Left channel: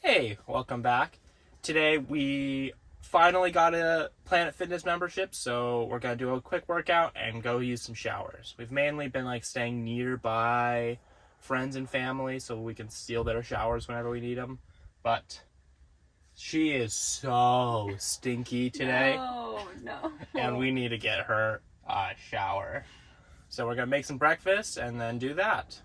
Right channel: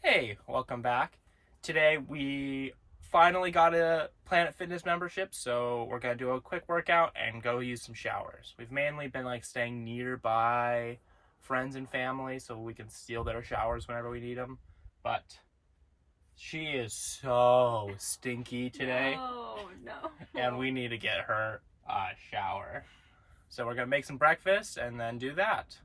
Hey, welcome back. Today we finally got a Planet Fitness membership, so we're gonna do a quick workout and go use some showers. We've mainly been staying nearby friends and family so we can steal their showers whenever we need them. But she is so stinky today. No. And we need to get her a shower. So we're gonna make some breakfast and then do that.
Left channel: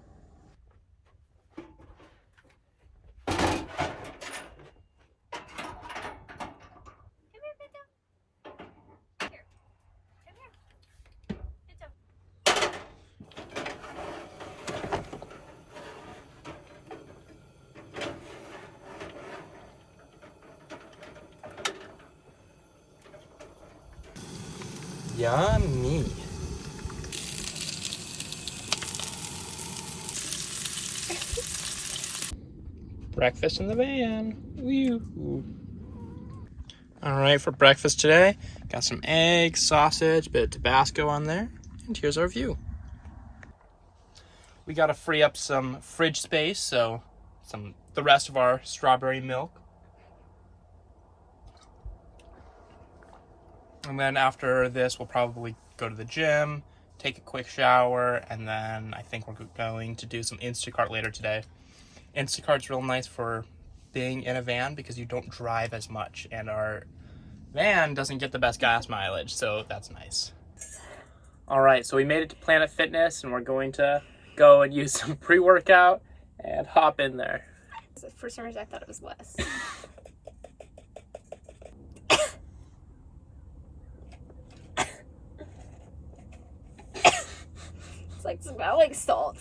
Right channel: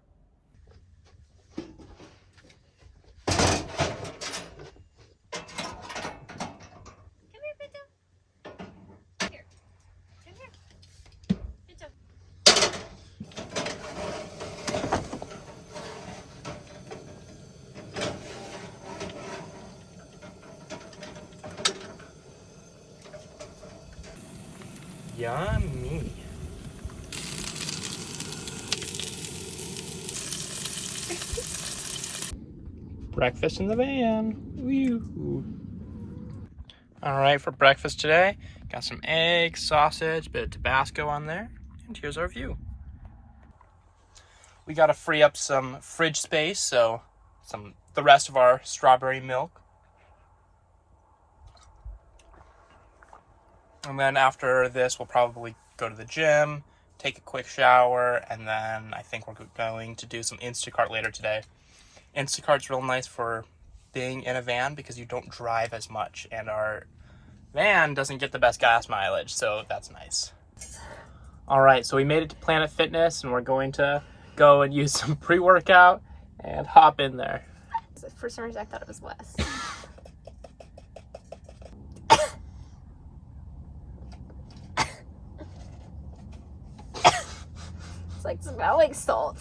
Yummy. Breakfast in the van. Woo. All right, for breakfast today, got some eggs, sausage, bit of Tabasco on there, and here's our view. We got to free up some fridge space, so the rest of our strawberry milk. And then after this, we'll probably go to the gym, take a quick shower, and then I think we're going to do some Instacart later today. Instacart's real nice for being in a van because you don't drive as much, and our van doesn't get the best gas mileage, so that's nice. All right, so we made it to Planet Fitness, and we're going to go and use some pre-workout and hop in there. For some reason, I thought it was less. Smell like salt.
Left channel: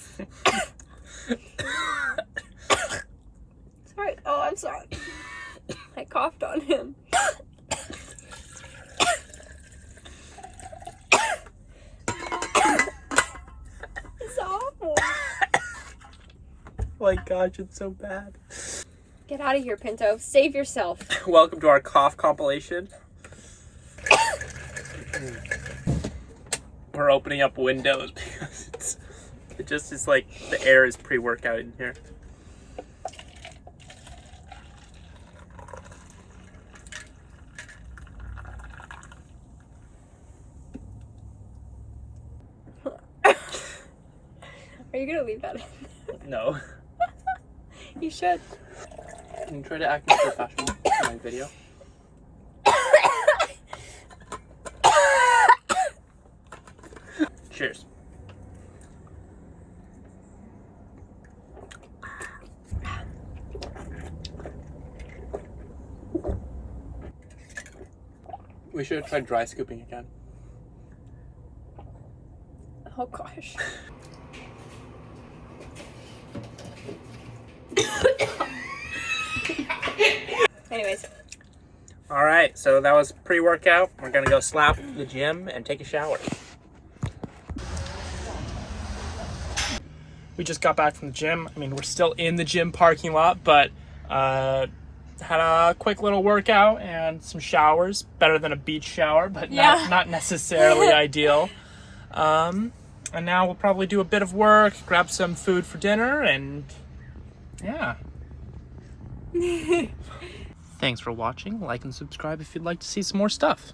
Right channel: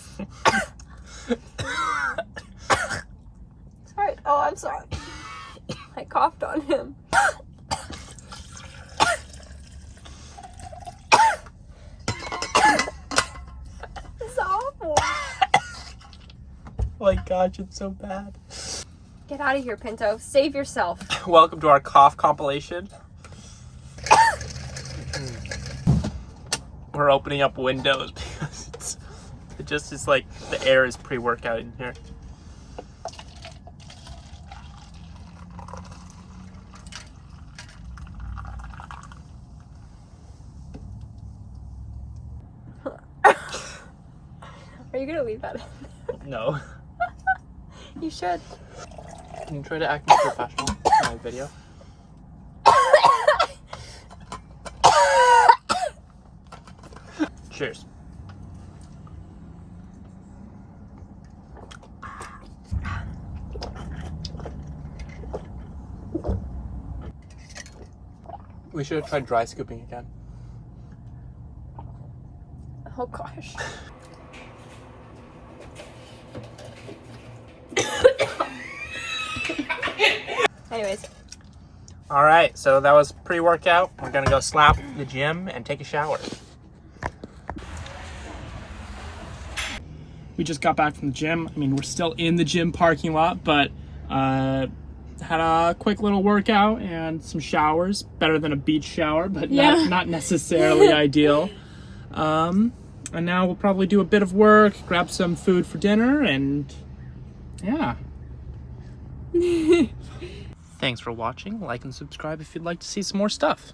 Sorry. Oh, I'm sorry. I coughed on him. It's awful. Oh my gosh, it's so bad. Get out of here, Pinto. Save yourself. Welcome to our cough compilation. We're opening up windows because it just is like the air is pre-workout in here. Are you gonna leave that in? No. You should. Can you try to act more professional in my video? Cheers. We should have tried dry scooping again. Oh gosh. Anyways. All right, so that was pre-workout. We're gonna go slap the gym and take a shower. We just got back from the gym. I mean, we're still in the gym parking lot, but had a quick little workout and some showers. Better than a beach shower, but not necessarily ideal. And now we'll probably do a bit of work, grab some food for dinner, and yeah. Thanks for watching. Like and subscribe if you'd like to see some more stuff.